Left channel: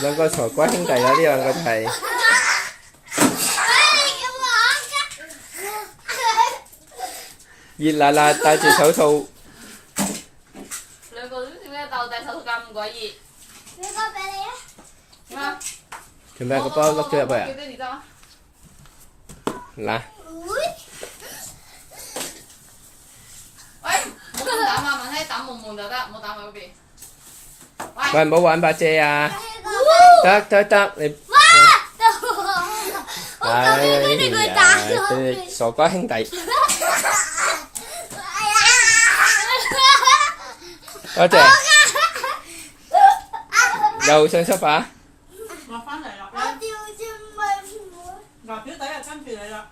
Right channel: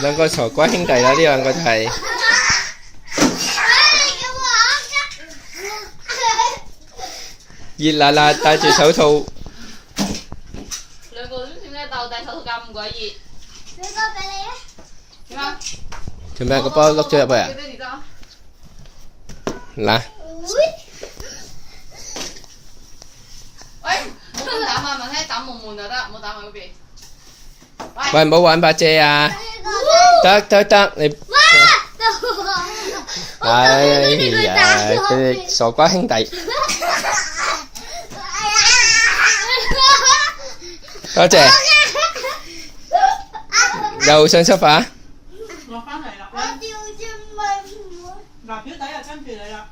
兩個傻瓜兄弟啦，呢兩個就係熱辣辣戴住手套。兩個點解鬥戴手套咁鬼熱？俾個俾你啊！點啊？做咩個波碌咗入去啊？幾多字得？嗱，喂，冇咁打啊！問睇打悶悶就得，唔好打埋嗰邊。喂，唔好玩把遮啊！得，你哎呀，佢哋傻瓜兄弟，多謝，又想出發？落翻嚟啦！嗱，表弟又跟住你啦。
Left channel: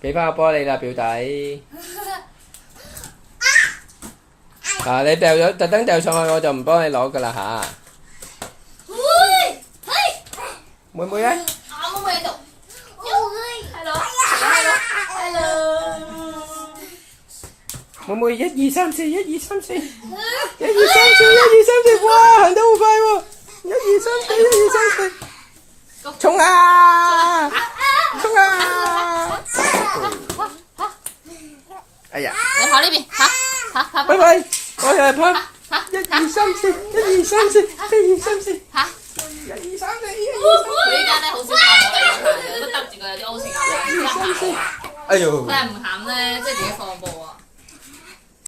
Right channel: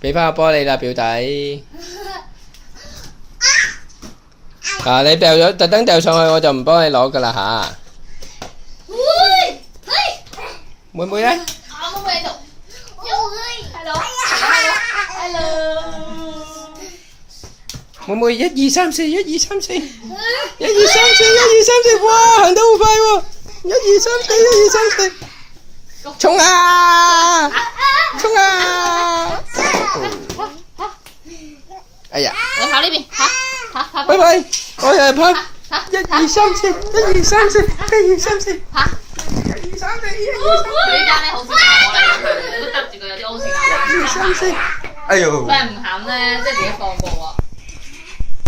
俾翻個波你啦，表弟。嗱，你掉咗，特登掉上去，我就唔幫你攞噶啦吓。妹妹咧？啊，妹妹喺度。Hello。妹妹1、2、3、4，1、2、3、4，1、2、3、4，1、2、3、4，哇，行得好快喎！1、2、3、4，1、2、3、4，衝啊！衝啊！哎呀！你跑呢邊，跑。拜拜，我係跑1、2、3、4，1、2、3、4，1、2、3、4，1、2、3、4，1、2、3、呢間咧好少我嚟嘅，都得住佢有啲 O 型。 4，1、2、3、4，哎呦！佢係唔肯咧，即係自己放過啊。